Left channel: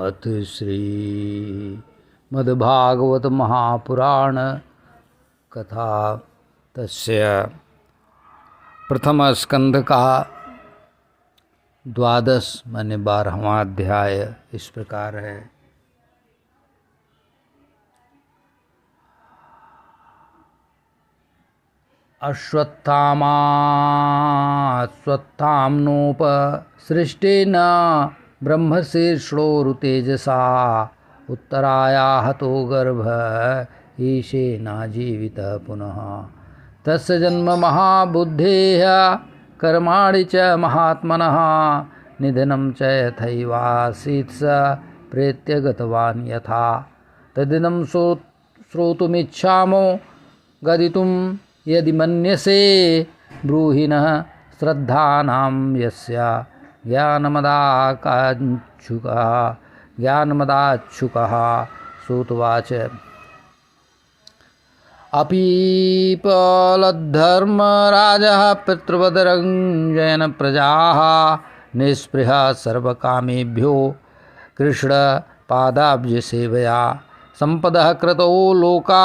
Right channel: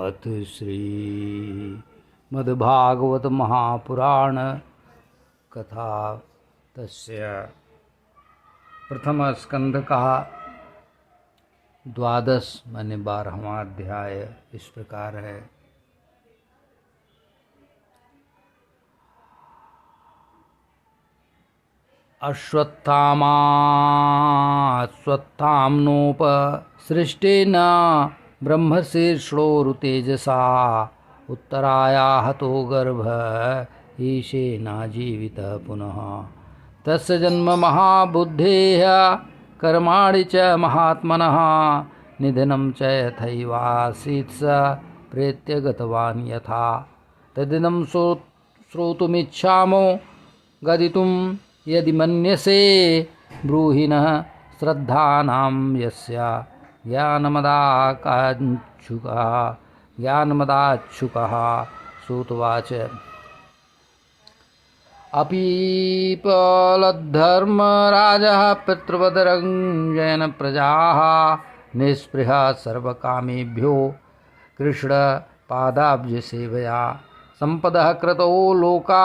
अथ श्री मद्भागवत महापुराण कथा तस्य प्रथम स्कंध का 12 माने 12वां अध्याय इस प्रकार है। अश्वत्थाम्नोपसृष्टेन ब्रह्मशीर्षोरुतेजसा उत्तराया हतो गर्भ ईशेनाजीवितः पुनः तस्य जन्म महाबुद्धेः कर्माणि च महात्मनः निधनं च यथैवासीत् स प्रेत्य गतवान् यथा तदिदं श्रोतुमिच्छामो गदितुं यदि मन्यसे ब्रूहिणः श्रद्धानां यस्य ज्ञानमदाच्छुकः श्रुतवाच अपीपलद्धर्मराजः पितृवदरञ्जयन् प्रजाः निःस्पृहः सर्वकामेभ्यो कृष्णपादाब्जसेवया सम्पदः कृतो लोका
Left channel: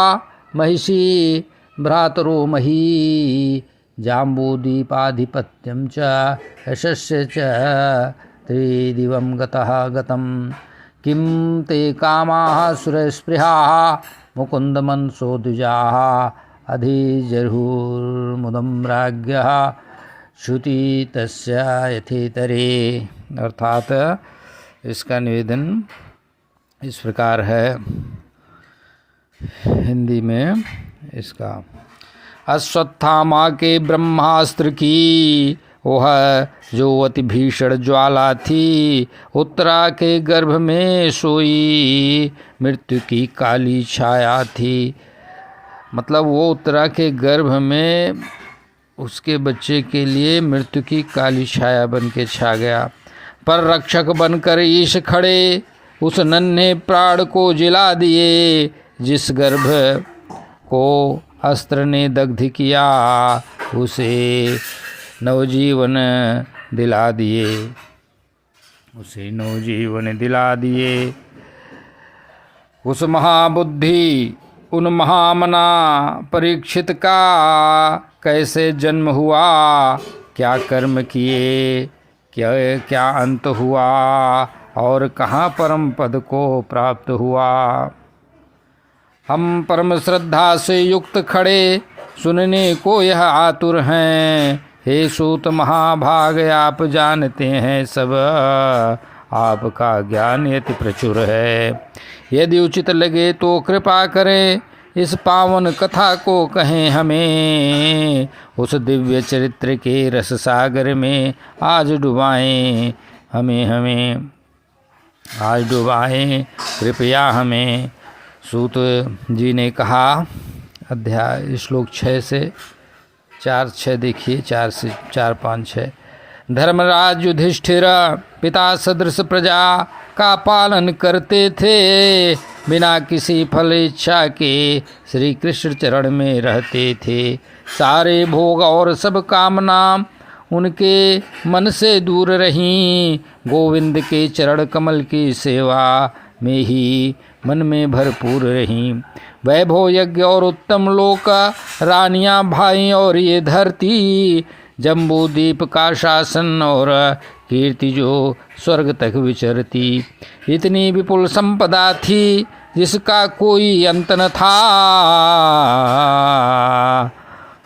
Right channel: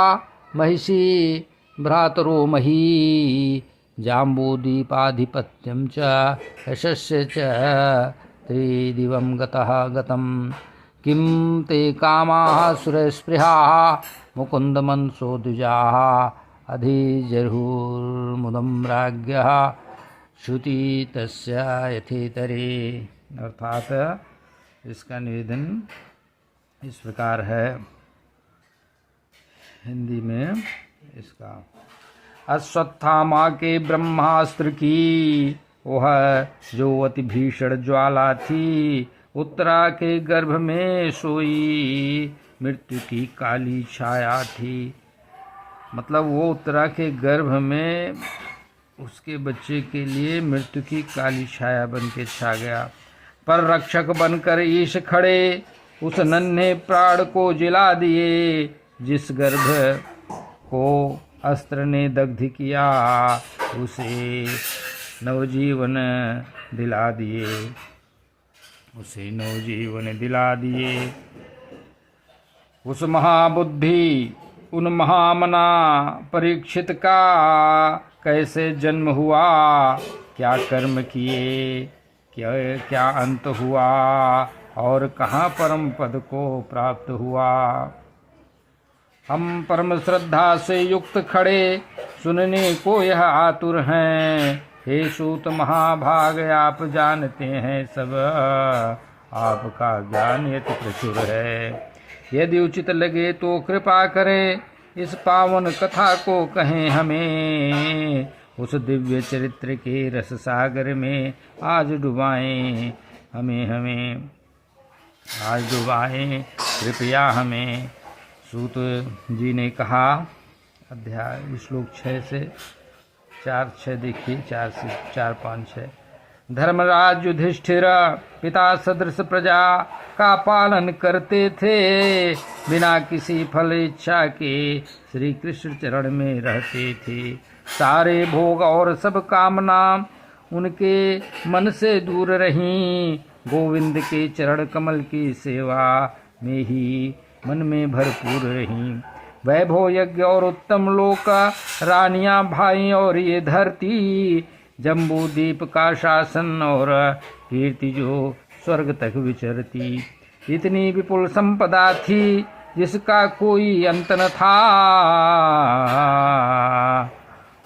महिषी भ्रातरो मही जाम्बूदीपाधिपत्यं च यशस्य च त्रिदिवं गतं किं ते कामाः सुरस्पृहाः मुकुन्दमनसो द्विजाः अधिजरुर्मुदं राज्ञः श्रुति तस्य यथेतरे। अर्थात इसका निवेदन इस प्रकार है हिंदी में इसका। अश्वत्थामा के ब्रह्मास्त्र की वह जो अति भीषण ज्वाला थी उत्तरा के गर्भ में सोई मृत्यु की काली छाया थी। मतलब वो उत्तरा के गर्भ में उसके बच्चे के लिए मृत्यु की काली छाया बन के छा गया। पर रक्षक बनकर ईश खड़े उस नन्हे प्राण को जिला दिए जिस गर्भ को अस्त्र ने दग्ध किया उसे नवजीवन दिला दिए उस महाबुद्धि उन महामना परीक्षित का कैसे जन्म हुआ, क्या कर्म किए, क्या अंत हुआ और कहाँ परम पद को प्राप्त हुआ। हम परम श्रद्धा से युक्त खड़े सुनने को यह आतुर हैं। हे सूत महाभाग आप जानते हैं सब आपका ज्ञान यति प्रचुर है। यदि उचित लगे तो कृपा करें इस पावन कथा को कहें हमें। उस दिव्य चरित्र के रस सागर में आज डुबाएं कृपया हमें। सूत जी ने कहा अध्याय श्लोक 6 से 4-6 देखिए, 4 से 4-5-6। धर्मराज युधिष्ठिर पिता सदृश प्रजा का पालन करते थे, बिना किसी फल इच्छा के श्री कृष्ण चरण में रहते थे। सारे भोग और सब कामना उनके मन से दूर रहीं। गोविंद के चरण कमल की सेवा में ही मन में भरपूर रहीं। वैभव यज्ञ और उत्तम लोक रानियां भाई और ये धरती जम्बूदीप का शासन और कीर्ति जो स्वर्ग तक विचरती। इतनी विपुल संपदा थी जिसका कोई अंत न था,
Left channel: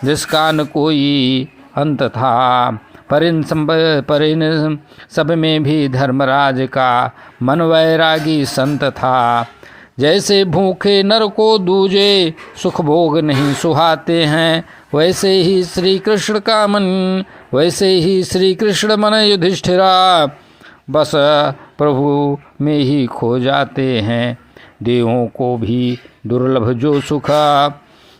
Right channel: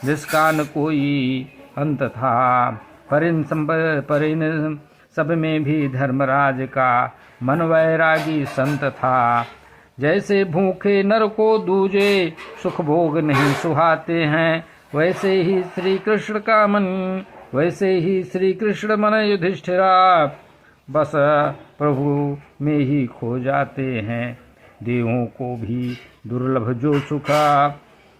जिसका न कोई अंत था। पर इन सब में भी धर्मराज का मन वैरागी संत था। जैसे भूखे नर को दूजे सुख भोग नहीं सुहाते हैं, वैसे ही श्री कृष्ण मन युधिष्ठिरा बस प्रभु में ही खो जाते हैं। देवों को भी दुर्लभ जो सुख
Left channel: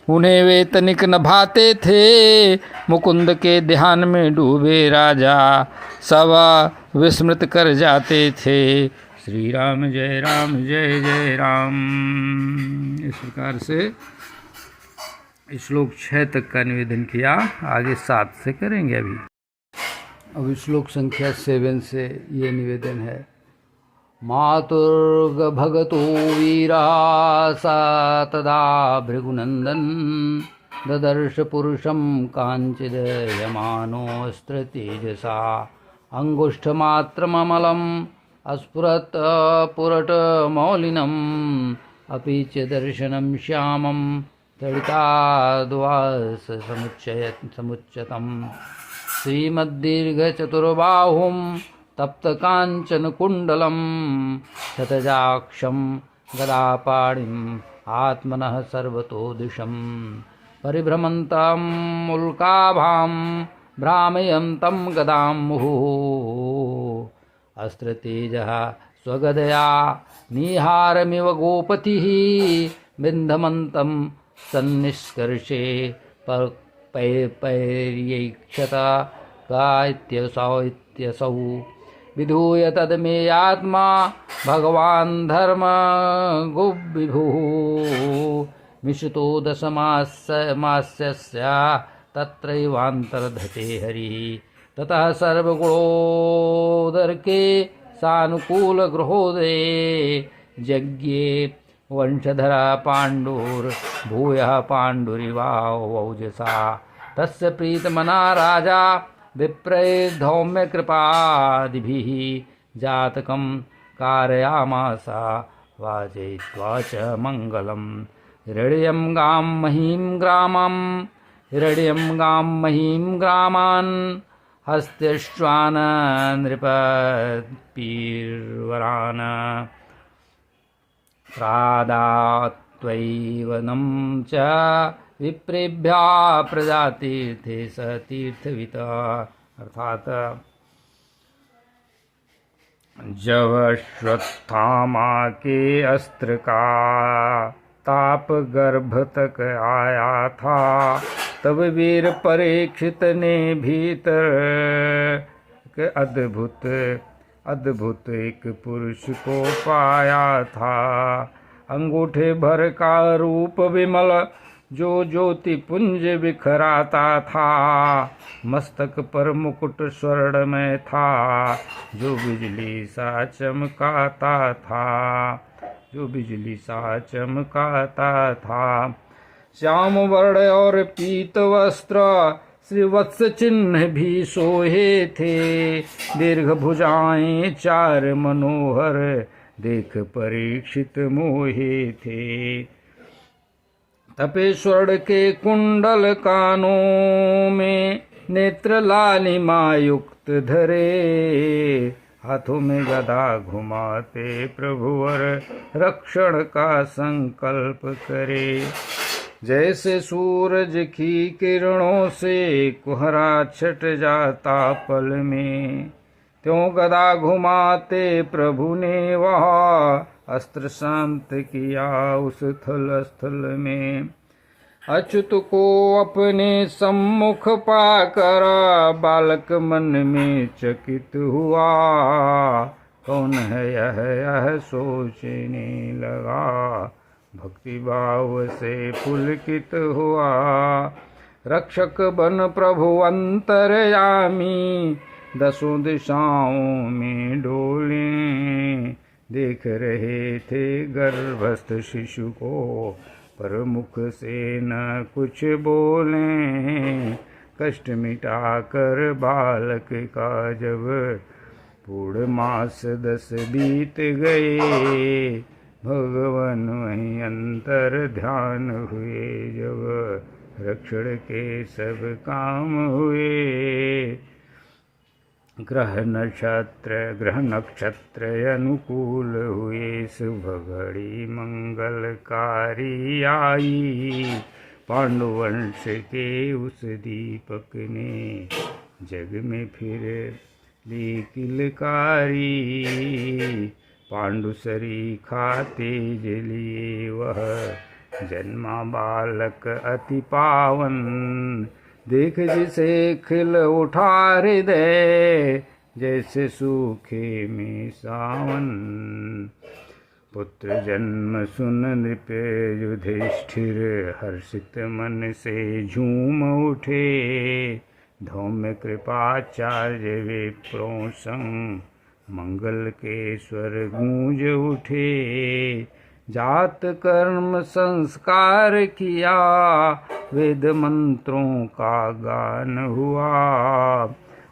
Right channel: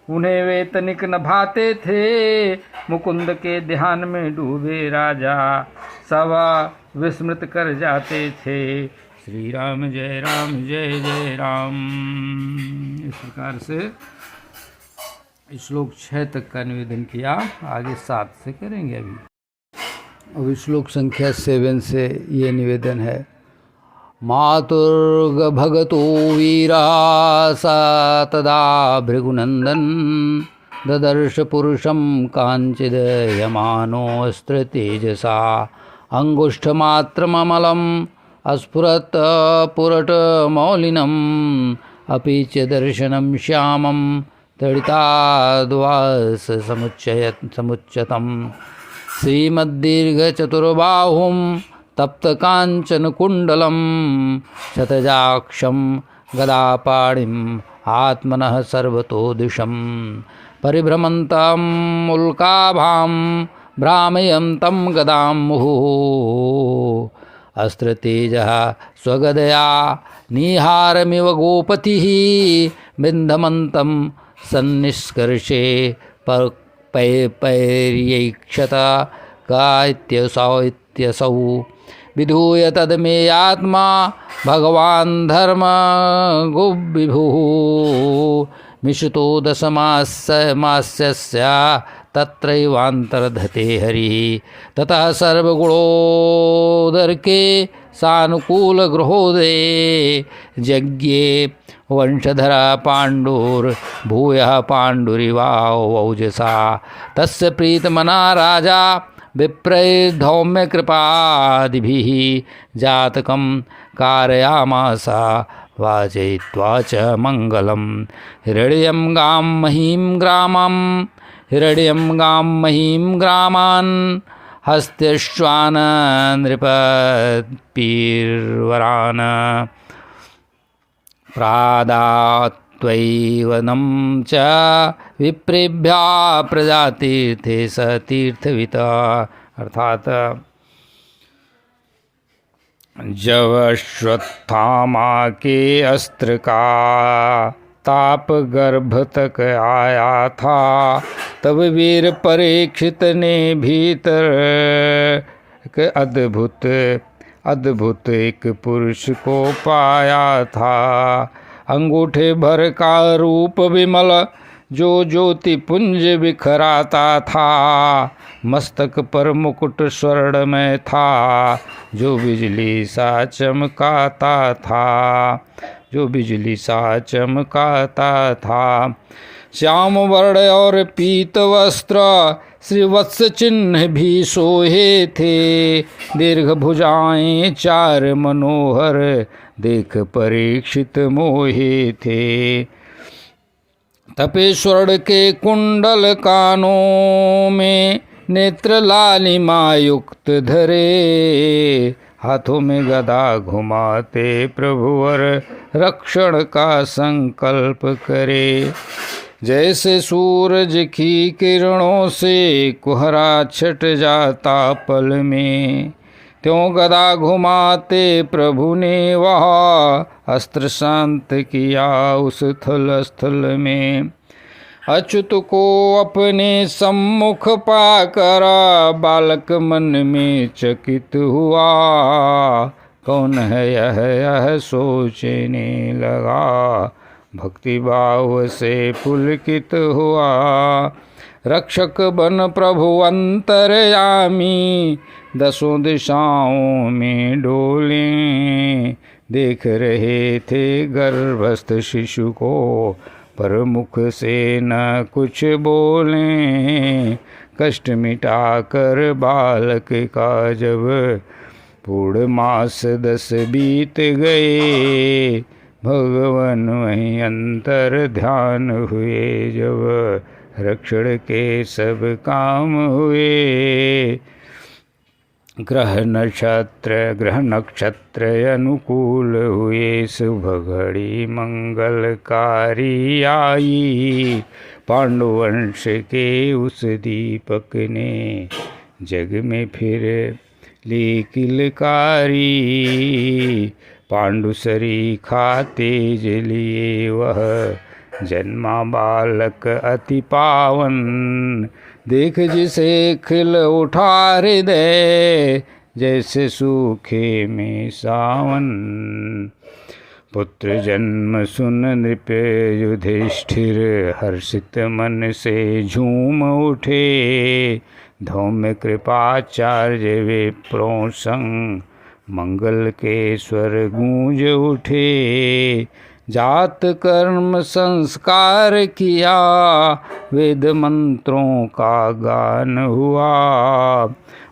उन्हें वे तनिक न भाते थे। मुकुंद के ध्यान में डूबे राजा सब विस्मृत कर जाते थे। श्री राम जय जय राम। इस प्रकार से श्लोक 6 तक का निवेदन किया। आगे 7 से करेंगे। अभी श्लोक संख्या 7 से ये निवेदन है। मातुर्गभगतो वीरा सा तदा भृगुनन्दन ददर्श पुरुषं काञ्चिदयमानोऽस्त्रतेजसा अङ्गुष्ठमात्रममलम् अस्फुरत् पुरटमौलिनम् अपि च दर्शनं श्यामं तडिताद्वाससमुच्चतम् श्रीमद्दीर्घचतुर्बाहुं तप्तकाञ्चनकुण्डलं शतजाक्षं गदापाणिम् आत्मनः सर्वतो दिशं परिभ्रमन्तं उल्काभां भ्रामयन्तं गदां मुहुः अस्त्रतेजः स्वगदया निहारमिव गोपतिः बिन्धमन्तं सन्निष्कर्षे पैर्यैक्षत कात्यसौ विधूय तदमेयात्मा भगवान् धर्मगुविभुः मिश्रितो दशमास्यस्य तत्रैवान्तर्धते हरिः ततः सर्वगुणोदर्के सानुकूलगृहोदये यज्ञे वंशधरा पाण्डुर्भूयः पाण्डुरिवावौजसा तस्य प्रीतमना राजा विप्रैर्धौम्यकृपादिभिः जातकं कारयामास वाचयित्वा च मङ्गलं हिरण्यं गां महीं ग्रामान् हस्त्यश्वान् नृपपीर्वरान् प्रादात्वैवनं च विप्रेभ्यः प्रजातीर्थे स तीर्थवित अर्थात जब अश्वत्थामा के अस्त्र का ताप गर्भ तक आया था तब वीर परीक्षित ने भीतर के अद्भुत एक पुरुष को पाया था। अंगूठे भर का रूप विमल जो ज्योति पुंज बिखराता था मस्तक पर मुकुट स्वर्ण में था जो बिजली सा चमकाता था श्याम वर्ण और पीत वस्त्र श्रीवत्स चिन्ह भी सोहे थे दीर्घ भुजाएं चार मनोहर देख परीक्षित मोहे थे तपेश्वर के कुंडल कानों में नेत्र लालिमा युक्त धरे हाथों में गदा घुमाते प्रभुवर रक्षण का संकल्प करे जैसे सूरज की किरणों से कुहरा छट जाता पल में त्यों गदा घुमाते प्रभु ने वह अस्त्र शांत किया उस स्थल में अच्युत को अपने सम्मुख पाकर बालक मन में चकित हुआ कौन है यह सोचने लगा भक्ति भाव से पुलकित हुआ रक्षक बन प्रभु अंतर्यामी दसों दिशाओं में डोले देख रहे थे गर्भस्थ शिशु को पर मुख से न कुछ बोले कष्ट मिटाकर बालक का जब पूर्ण मास 10 बीत गए भगवान वहीं अंतर ध्यान हुए जब रक्षण के सब काम हुए ग्रह नक्षत्र अनुकूल हुए शुभ घड़ी मंगलकारी आई पांडुवंश के उस दीपक ने जग में फिर ली किलकारी पांडुसरी खाते जलिए वह जन्मा बालक अति पावन देख जिसे खिल उठा हृदय जैसे सूखे में सावन पुत्र जन्म सुन नृप युधिष्ठिर हर्षित मन से झूम उठे धौम्य कृपाचार्य विप्रों संग मंगल के स्वर गूंज उठे, जात कर्म संस्कार किया, वेद मंत्रों का गान हुआ।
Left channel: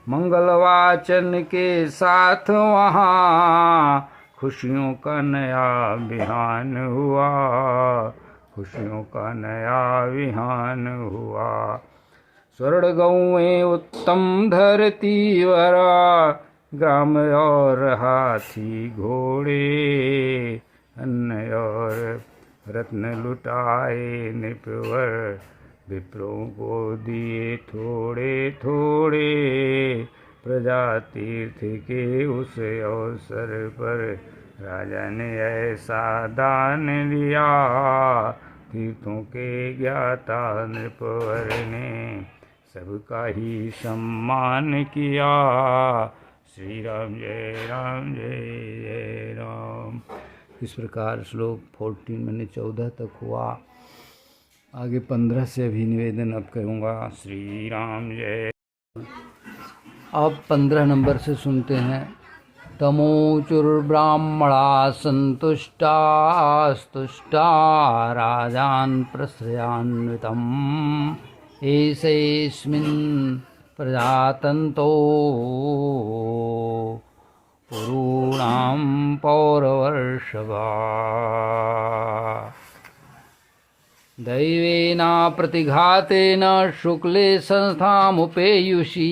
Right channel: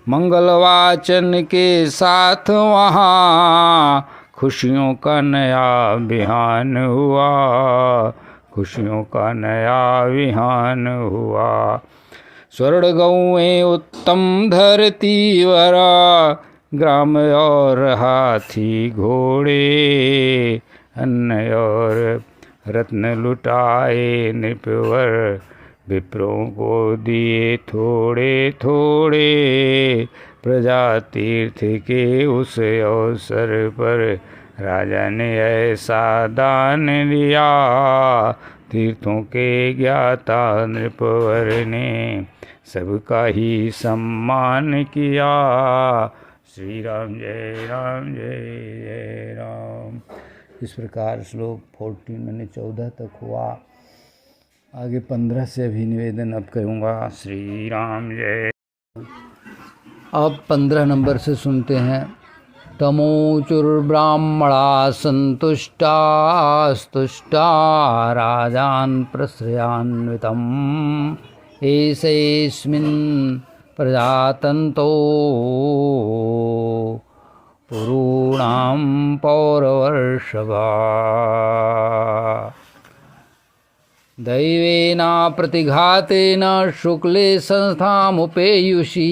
मंगल वाचन के साथ वहाँ खुशियों का नया बिहान हुआ, खुशियों का नया विहान हुआ। स्वर्ण गौएं उत्तम धरती वरा, ग्राम और हाथी घोड़े, अन्न और रत्न लुटाए नृपवर, विप्रों को दिए थोड़े थोड़े। प्रजा तीर्थ के उस अवसर पर राजा ने ऐसा दान दिया, तीर्थों के ज्ञाता नृपवर ने सबका ही सम्मान किया। श्री राम जय राम जय जय राम। इस प्रकार श्लोक 14 मैंने 14 तक हुआ, आगे 15 से अभी निवेदन अब करूँगा। श्री राम जय। अब 15 नंबर से सुनते हैं। तमोचुर्ब्राह्मणा संतुष्टा स्तुष्टा राजान् प्रश्रयान्वितम्, एषेऽस्मिन् प्रजातन्तो पुरूणां पौरवर्षभा। दैवेन प्रतिघातेन शुक्ले संस्थामुपेयुषी,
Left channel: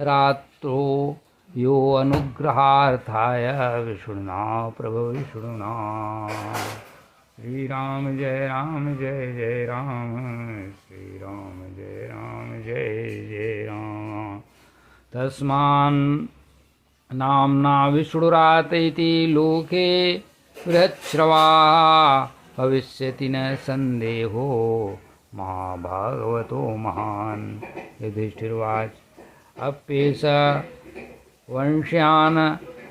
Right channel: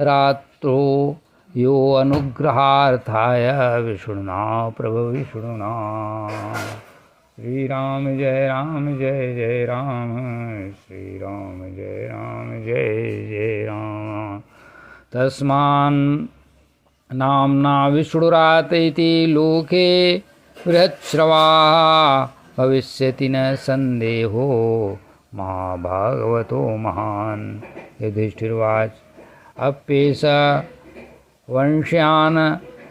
रात्रो यो अनुग्रहार्थाय विष्णुना प्रभु विष्णुना। श्री राम जय राम, श्री राम जय जय राम। तस्मान् नाम्ना विष्णुरात इति लोके बृहच्छ्रवा, भविष्यति न संदेहो महाभागवतो महान्। युधिष्ठिर्वाच अप्येष वंश्यान्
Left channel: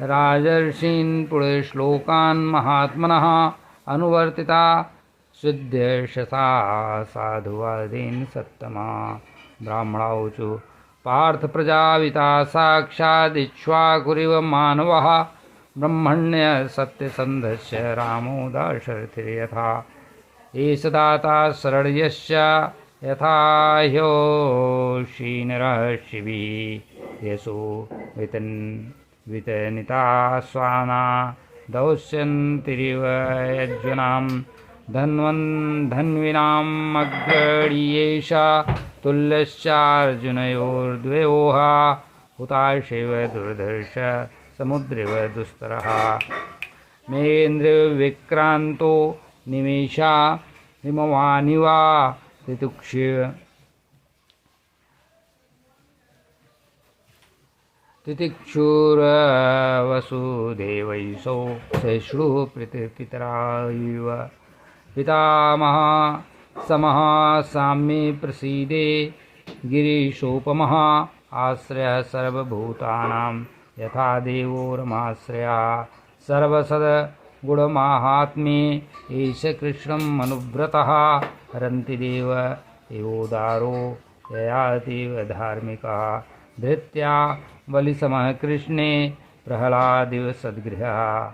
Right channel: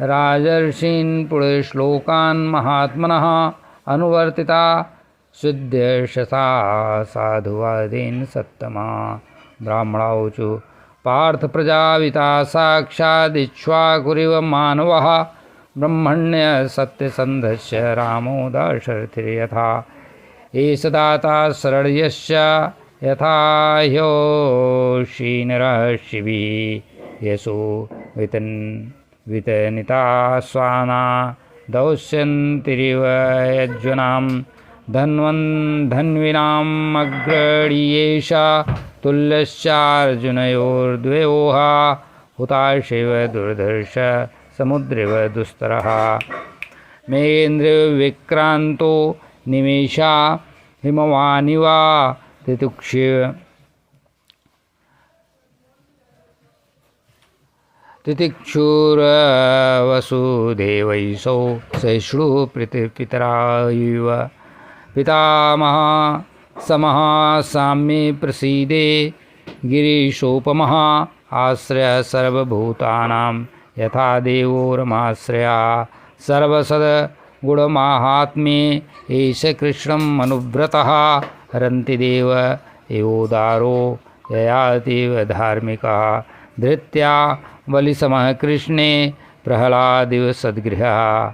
राजर्षीन् पुढे श्लोकान् महात्मनः अनुवर्तिता, सिद्ध्यशसा साधुवादेन सत्तमा। ब्राह्मणाऊचु पार्थ प्रजापिता साक्षादिक्ष्वाकुरिव मानवः, ब्रह्मण्य सत्यसन्धस्य रामो दाशरथिर्यथा। एष दाता शरण्यस्य यथा ह्योषीनरः शिबिः, यशो वितनिता स्वाना दौश्यन्तिरिव यज्वनां। धन्विनाम् अग्रणीयेष तुल्यश्चार्जुनयोर्द्वयोः, हुताशेव दुर्धर्ष समुद्रेव दुस्तरः। मेन्द्रविक्रान्तो निमेषा हिमवानिवा, तितिक्षुरवसुदेवैषौ सहिष्णुः पितरायुव। पितामह समः साम्ये प्रसीदे, गिरीशोपमः आश्रयः सर्वभूतानां, यथा देवो रमाश्रया। सर्वसद्गुणमाहात्म्ये एष कृष्णम् अनुव्रतः, हरन्ति देव एवोदारो ययातीव धार्मिकः। धृत्या बलिसमः कृष्णे प्रह्लादिव सद्गृहः,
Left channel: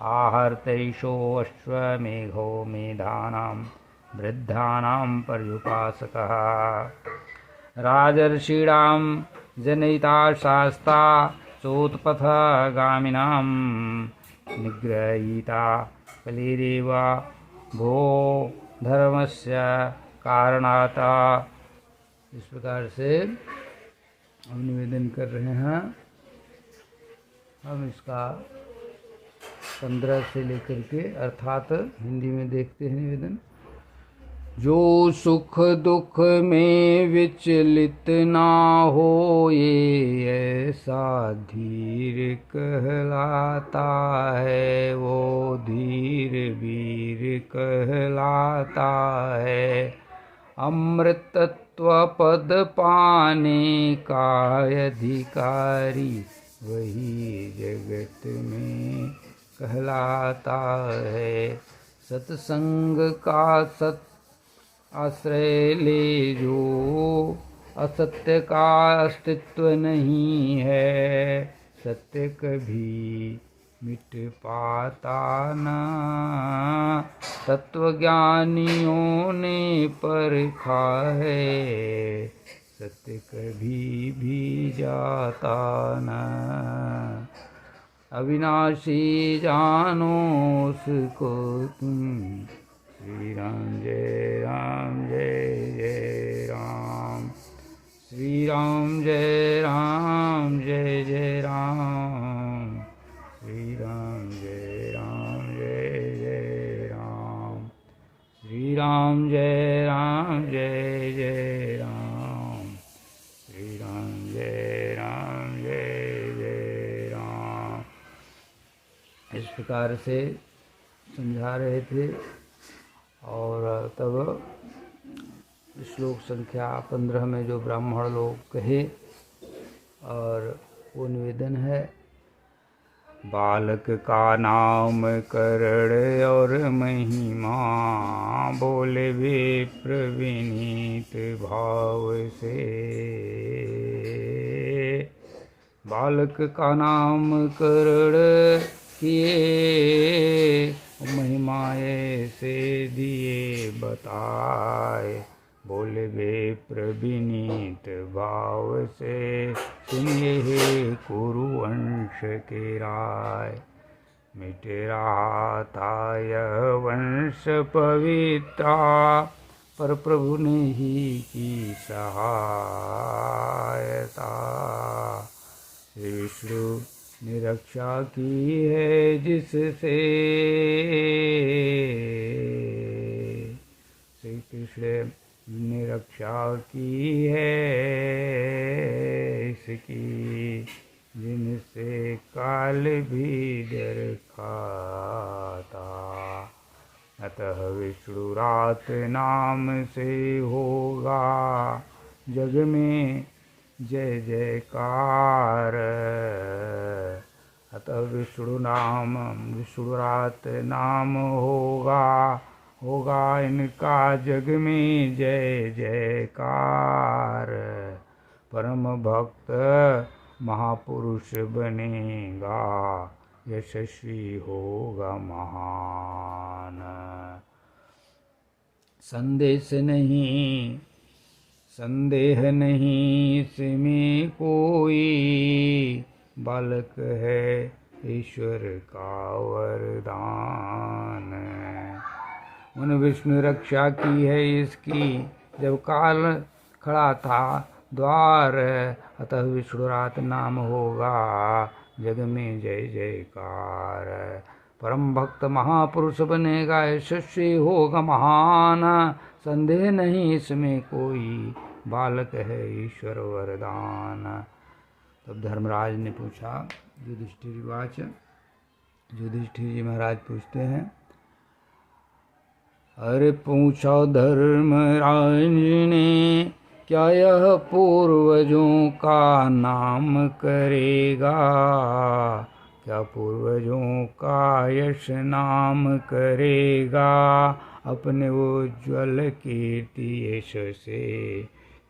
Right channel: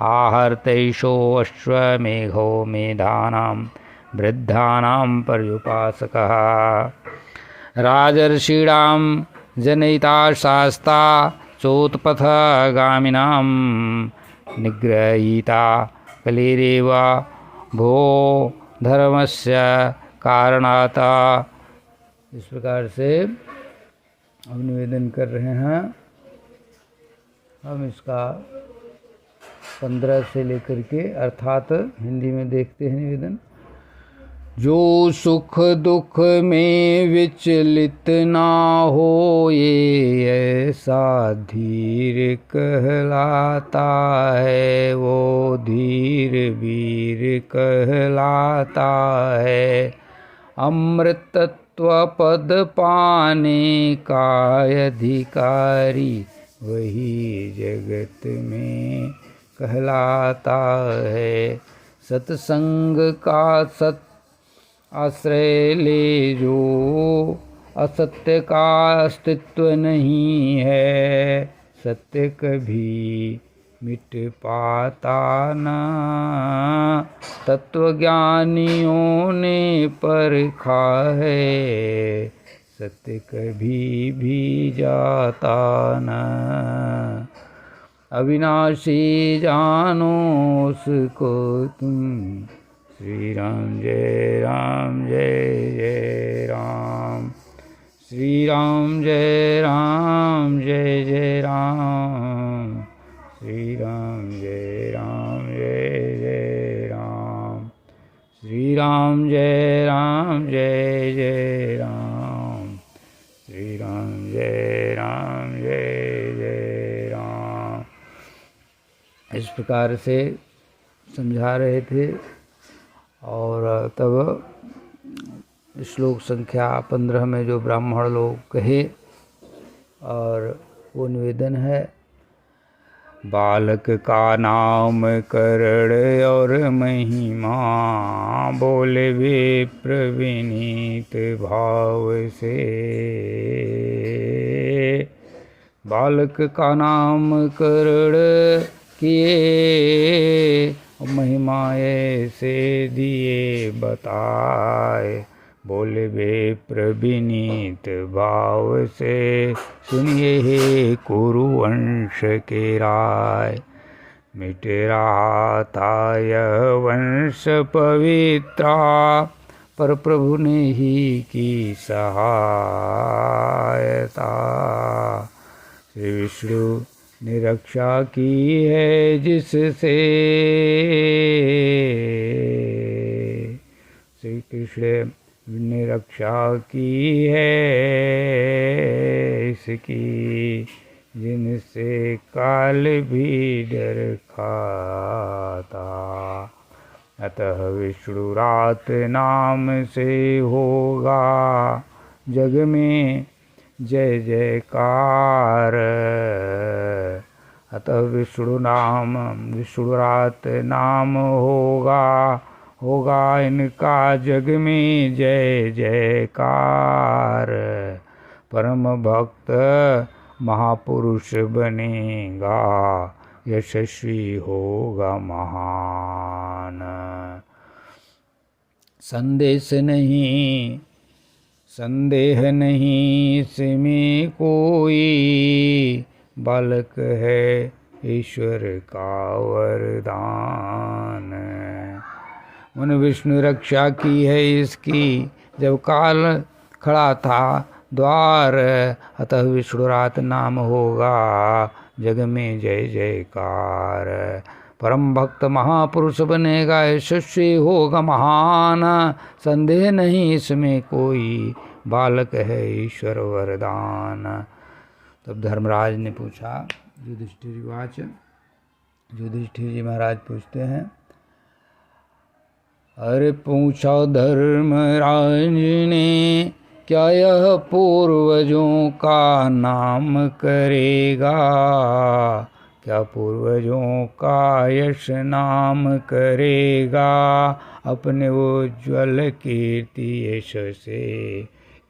आहर्तैषो अश्वमेघो मेधानां वृद्धानां पर्युपासकः। राजर्षीणां जनयिता शास्ता, चोत्पथगामिनां निग्रहीता। कलिरेव भो धर्मस्य कारणाता। इस प्रकार से हम निवेदन कर रहे हैं। हम इसका 15 से लेकर के अर्थात हिंदी में देखते हैं निवेदन। जो सुख दुख में विचलित ना हो, ये ऐसा धीर कहलाता है, वो धीर वीर कहलाता है। अमृतत्व पद पाने का अधिकारी, वही जगत में कहलाता है। सत्संग का सत आश्रय ले जो, असत्य का अस्तित्व नहीं है। सत्य कभी मिट पाता न। तत्वज्ञानियों ने परखा है, सत्य कभी भी जाता न। अविनाशी जानो उसको तुम, श्री राम जय राम जय जय राम। श्री राम जय राम जय जय राम। श्री राम जय राम जय जय राम। श्री राम जय राम जय जय राम। श्री राम जय राम जय जय राम। इस प्रकार से समझा रहे थे। और तब श्लोक संख्या 15 में जो ब्राह्मण लोग कहे, और वो निवेदन है, बालक का नाम करण और महिमा, बोले विप्र विनीत भाव से। बालक का नाम करण किए, महिमा ऐसे दिए बताए, बोले विप्र विनीत भाव से। सुनिए हे कुरुवंश के राय, मिट रहा था यह वंश पवित्रा, पर प्रभु ने ही की सहायता। श्री विष्णु ने रक्षा की है जिससे, श्री कृष्ण ने रक्षा की है इसकी, जिनसे काल भी डर खाता। अतः विष्णु रात नाम से होगा जग में जय जयकार। अतः विष्णु रात नाम होगा इनका जग में जय जयकार। परम भक्त महापुरुष बनेगा, यशस्वी होगा महान। संदेह नहीं इसमें कोई, बालक है ईश्वर का वरदान। मन विष्णु रक्षा की है इसकी, जब काल खड़ा था द्वार। अतः विष्णु रात नाम होगा जग में जय जयकार। परम भक्त महापुरुष बनेगा, यशस्वी होगा महान। संदेह नहीं इसमें कोई, बालक है ईश्वर वरदान। तब धर्मराज ने पूछा, युधिष्ठिर जी महाराज पूछते हैं, अरे पूछा धर्मराज ने, क्या यह पूर्वजों का नाम करेगा? क्या पूर्वजों का यश नाम करेगा? अपने उज्ज्वल कीर्ति यश से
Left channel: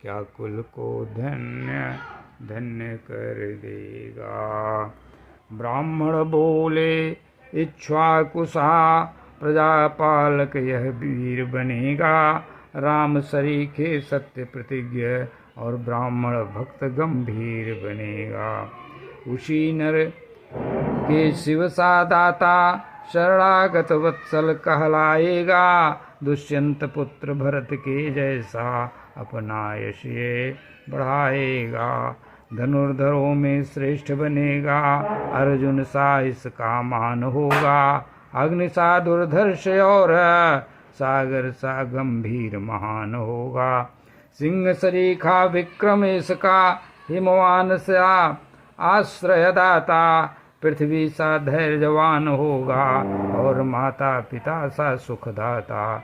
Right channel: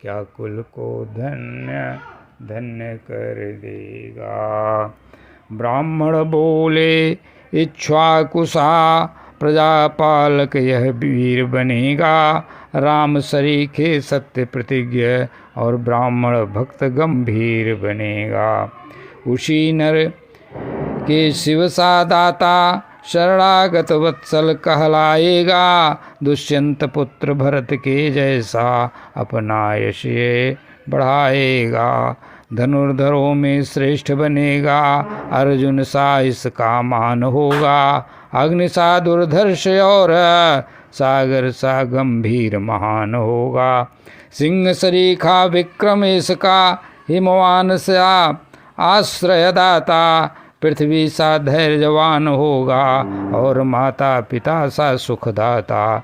क्या कुल को धन्य धन्य कर देगा। ब्राह्मण बोले, इक्ष्वाकुसा प्रजापालक यह वीर बनेगा। राम सरीखे सत्य प्रतिज्ञ और ब्राह्मण भक्त गंभीर बनेगा। उसी नर के शिव सा दाता शरणागत वत्सल कहलाएगा। दुष्यंत पुत्र भरत के जैसा अपना यश ये बढ़ाएगा। धनुर्धरों में श्रेष्ठ बनेगा, अर्जुन सा इसका मान होगा। अग्नि सा दुर्धर्ष और सागर सा गंभीर महान होगा। सिंह सरीखा विक्रम इसका, हिमवान सा आश्रयदाता। पृथ्वी सा धैर्यवान होगा और माता पिता सा सुखदाता।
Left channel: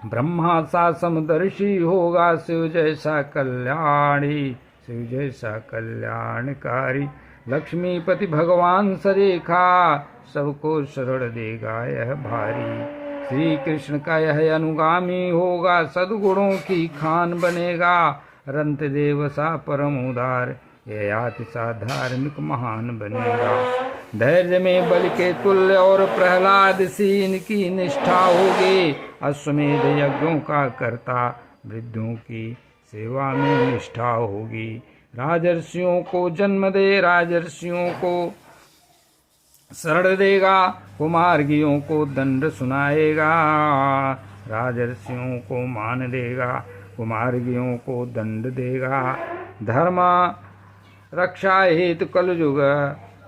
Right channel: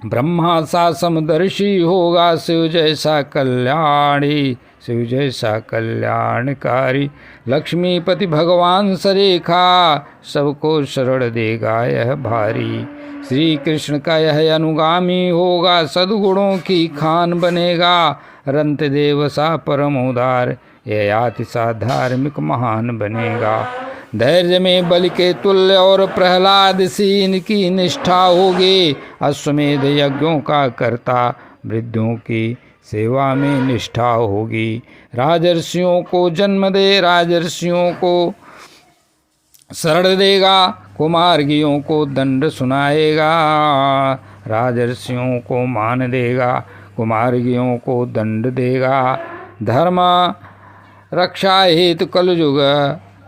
ब्रह्मा सा समदर्शी होगा, शिव जैसा कल्याणी, शिव जैसा कल्याणकारी। लक्ष्मीपति भगवान सरीखा, सबको शरण देगा यह भारी। श्री कृष्ण का यह अनुगामी होगा, सद्गुणों की खान बनेगा। रंत देव सा परम उदार, ये याति सा धार्मिक महान बनेगा। धैर्य में बल के तुल्य और प्रहलाद सी इनकी निष्ठा होगी। अश्वमेध यज्ञों का कर्ता वृद्धों की सेवा में निष्ठा होगी। राजर्षियों को जन्म दे, राजर्षियों को शरण देगा, कुमार्गियों को दंड सुनाएगा। राजर्षियों को मान देगा, कुमार्गियों को दंड देगा। धर्म रक्षा हेतु कलयुग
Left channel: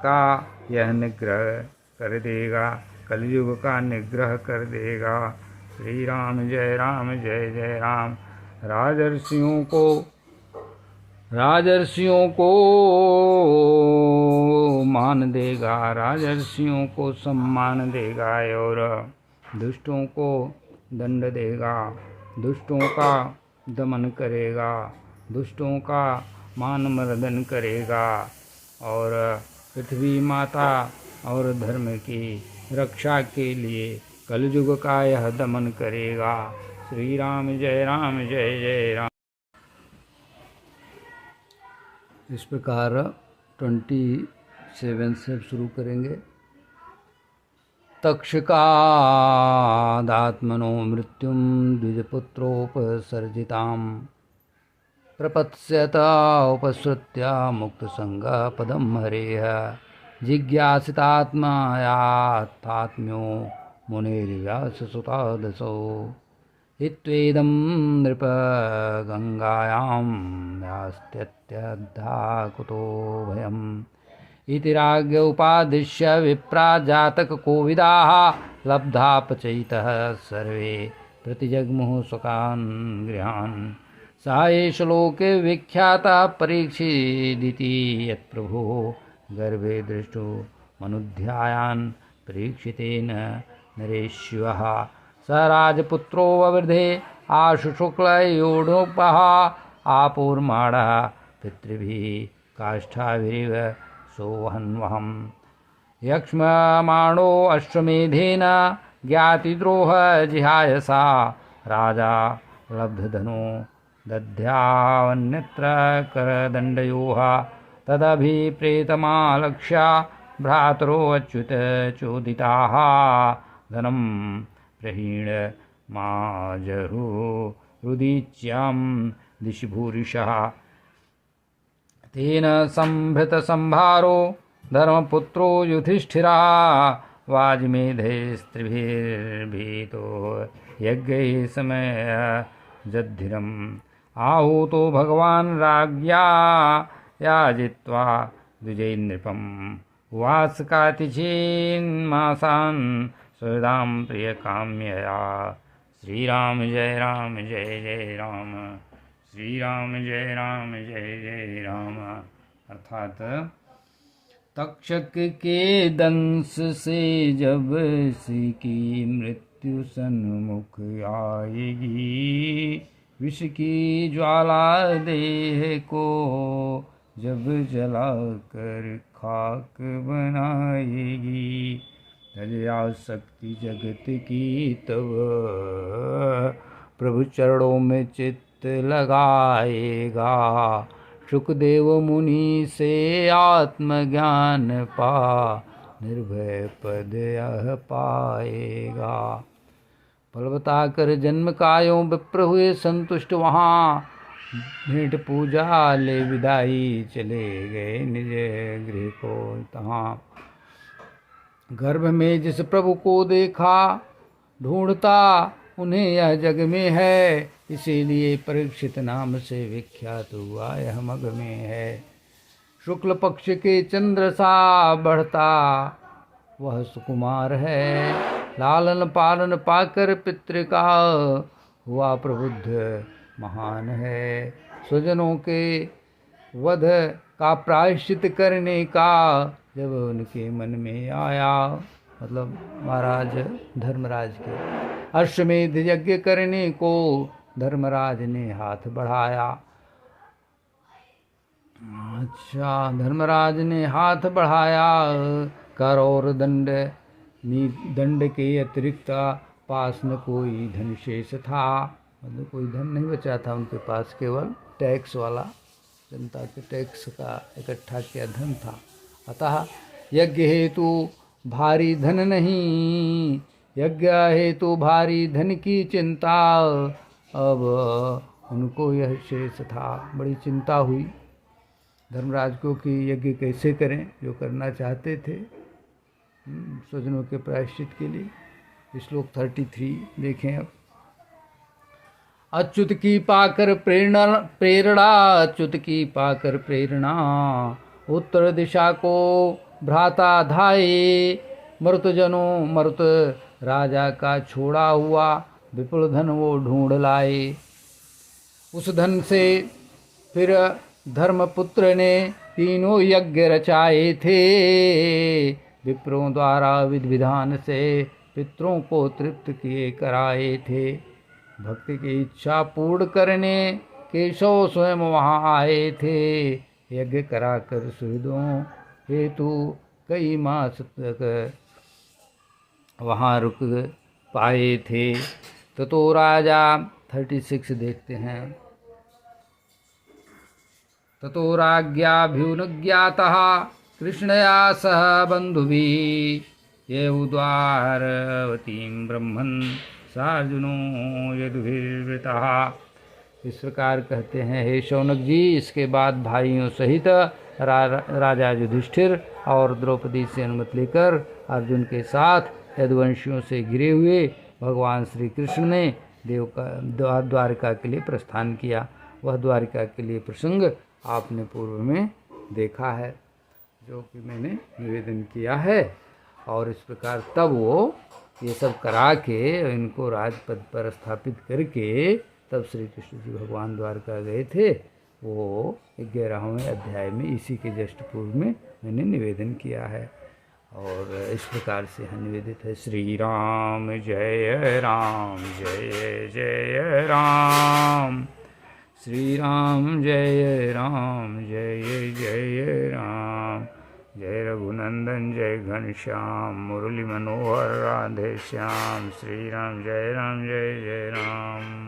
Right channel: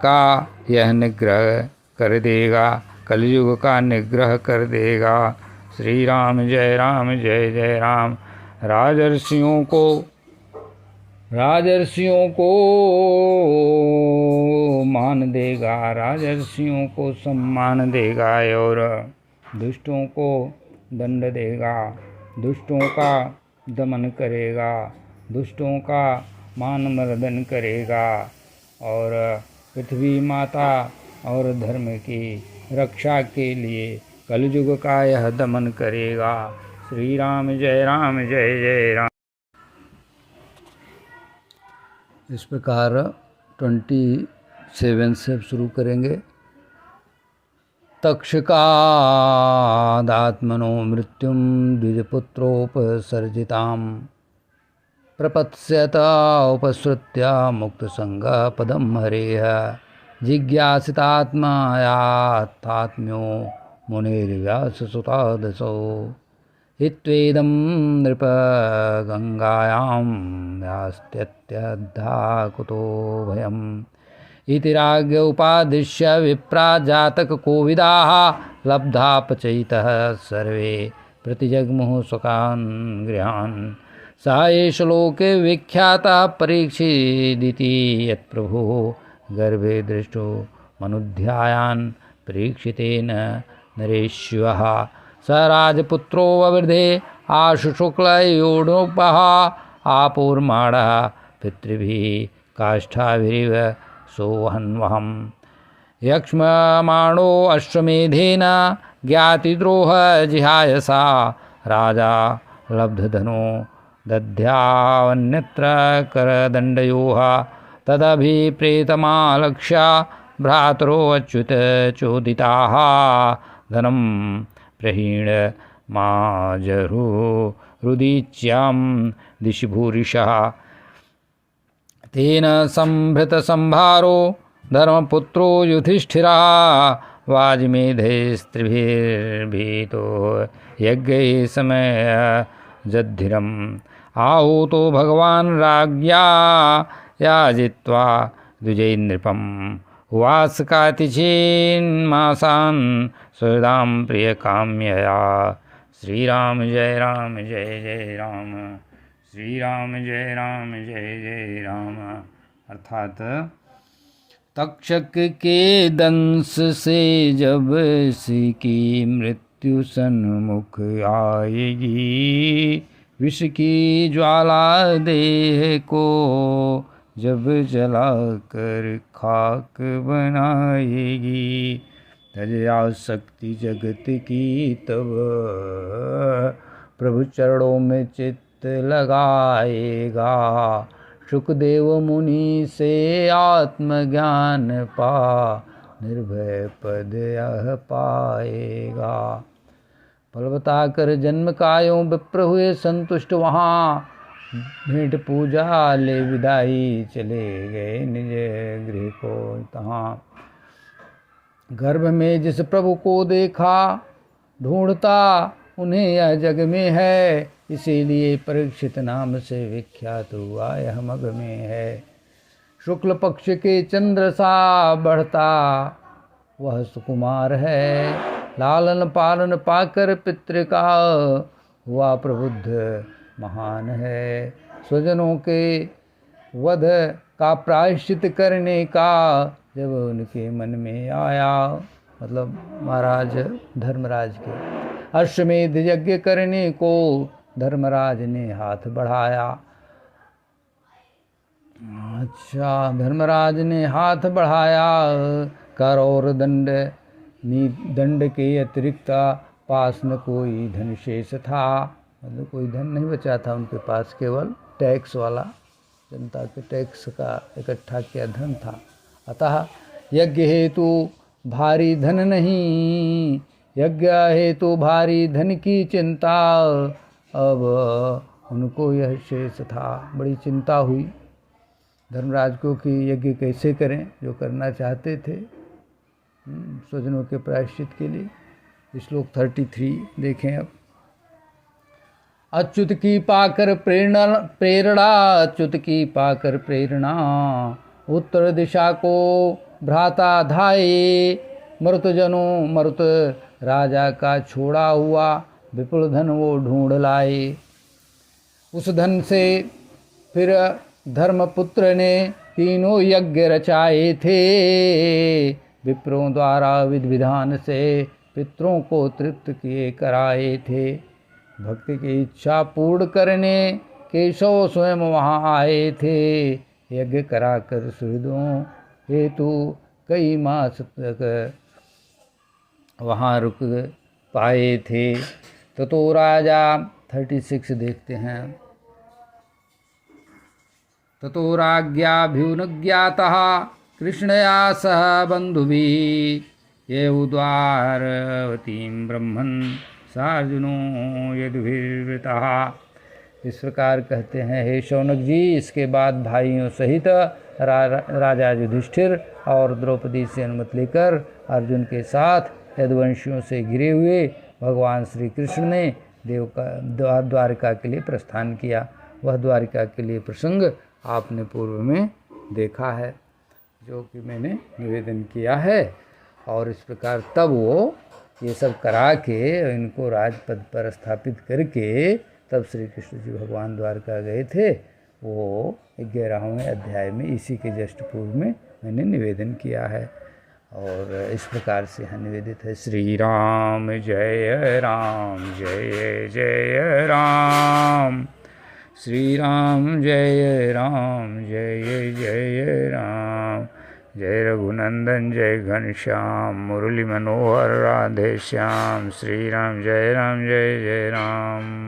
का यह निग्रह कर देगा, कलयुग का निग्रह कर देगा। श्री राम जय राम जय जय राम। राजर्षियों को मान देगा, राजर्षियों को सम्मान देगा और दुष्टों को दंड देगा। दुष्टों का दमन करेगा, दुष्टों का मान मर्दन करेगा और पृथ्वी माता और धर्म की रक्षा के लिए कलयुग का यह दमन करेगा। श्री राम जय जय राम। इस प्रकार 27 से शुरू करेंगे। तक्षकादात्मनो मृत्युं द्विजपुत्रोपसर्जितां प्रपत्स्यत उपसृत्य मुक्तसंगपदं हरेः जिज्ञासितात्मयात्मात्म्यो मुनिर्व्याससुतादसौ इत्वेदं नृपगङ्गायां यास्त्यत्यद्धा कुतो भयम् इति राज्ञ उपादिश्य विप्रा जातककोविदाः लब्धापचयितः सर्वे प्रतिजग्मुः स्वकान् गृहान्। स एष लोके विख्यातः परीक्षिदिति यत्प्रभुः गर्भे दृष्टो मनुध्यायान् परीक्षितेन नरेश्वः। स राजपुत्रो ववृधे आशुशुक्लयोडोपः आपूर्माणः पितृभिः काष्ठाभिरिव सोऽहन्वहम् यक्ष्ममाणो अश्वमेधेन ज्ञातिद्रोह जिहायसा राजा लब्धधनो दध्यावन्यत्र करदण्डयोः तदभिप्रेतमालक्ष्य भ्रातरो अच्युत चोदिताः धनं प्रहीण माजरु रुदीच्यां दिशि भूरिशः तेन संभृतसंभारो धर्मपुत्रो युधिष्ठिरः वाजमेधैस्त्रिभिर्भीतो यज्ञैः समयजद्धिरम् आहूतो भगवान् राज्ञा याजित्वा द्विजैर्नृपम् उवास कार्तिचीन्मासान् सुहृदां प्रियकाम्यया। श्रीराम जय जय राम। श्री राम जय जय राम। अर्थात तक्षक के दंश से जब सी की मृत्यु सन्मुख आएगी, विष की ज्वाला देह को जब जला कर खाक बनाएगी, तजया शक्ति जगत की तब प्रभु चरणों में चित्त लगाएगा। सुखदेव मुनि से आत्मज्ञान पा निर्भय पद यह पाएगा। फल बताकर जन्म कायों विप्र हुए संतुष्ट वहाँ, भेंट पूजा ले विदाई चले गए निज गृह को तहाँ। गर्भ में जिस प्रभु को देखा ढूंढता उन्हें यह जग में है, इसीलिए परीक्षित नाम से विख्यात हुआ यह मग में है। शुक्ल पक्ष के चंद्र सा बढ़ता वह सुकुमार है, लालन पालन पाकर पितृ का हुआ प्रबुद्ध महान है। स्वजनों के वध का प्रायश्चित करने का जब उनके मन में आया, मतलब महाराज धर्मराज के अश्वमेध यज्ञ करने को धर्मराज ने हाथ बढ़ाया। अच्छा, धर्मराज ने हाथ बढ़ाया। कर और दंड के अतिरिक्त पास न कोई धन शेष था, मतलब कोई धन नहीं बचा था उनके पास, केवल टैक्स वाला जनता के टैक्स का इकट्ठा किया धन था। अतः यज्ञ हेतु भारी धन नहीं, यज्ञ हेतु भारी धन की चिंता, अब उनको यह शेष था। बड़ी चिंता हुई धर्मराज को कि यज्ञ कैसे करें, जो करना चाहते थे स्वजनों के प्रायश्चित के लिए। श्लोक 33 देखें अब। अच्युत की पाकर प्रेरणा, अच्युत की पाकर प्रेरणा, उत्तर दिशा को भ्राता धाये, मृत जनों मृत राजा का छोड़ा हुआ विपुल धन वो ढूंढ लाए। उस धन से फिर धर्मपुत्र ने तीनों यज्ञ रचाए थे, विप्रों द्वारा विधि विधान से पितरों को तृप्त किए कराए थे। भक्ति की इच्छा पूर्ण करने केशव स्वयं वहाँ आए थे, यज्ञ कराकर सुहृदों हेतु कई मास तक वहाँ रुक पाए थे। तो राजा 36 देखते हैं। ततो राज्ञाभ्युनज्ञातः कृष्णया सह बन्धुभिः, ये उद्वारवतीं ब्रह्मन् सार्जुनो यदुभिर्वृतः। इस प्रकार कहते हैं, हे शौनक जी, इसके बाद भाइयों सहित राजा युधिष्ठिर और द्रौपदी से अनुमति लेकर अर्जुन के साथ यदुवंशियों से घिरे हुए भगवान श्री कृष्ण ने द्वारिका के लिए प्रस्थान किया। वह द्वारिका के लिए प्रसंग आपने पूर्व में देखा है, जो कि मैंने निवेदन किया है। और इस प्रकार तब वो ये सब करा के इनको राजपद पर स्थापित करके तब श्री कृष्ण जी भगवान द्वारका गए थे। वो 11वें अध्याय में इसी के जस्ट पूर्व में मैंने निवेदन किया है। और इस प्रकार से यहाँ निवेदित है। श्री राम जय राम, जय जय राम। श्री राम जय राम, जय जय राम। जय रघुनंदन जय घनश्याम, मुरली मनोहर राधे श्याम। श्री राम जय राम, जय जय राम।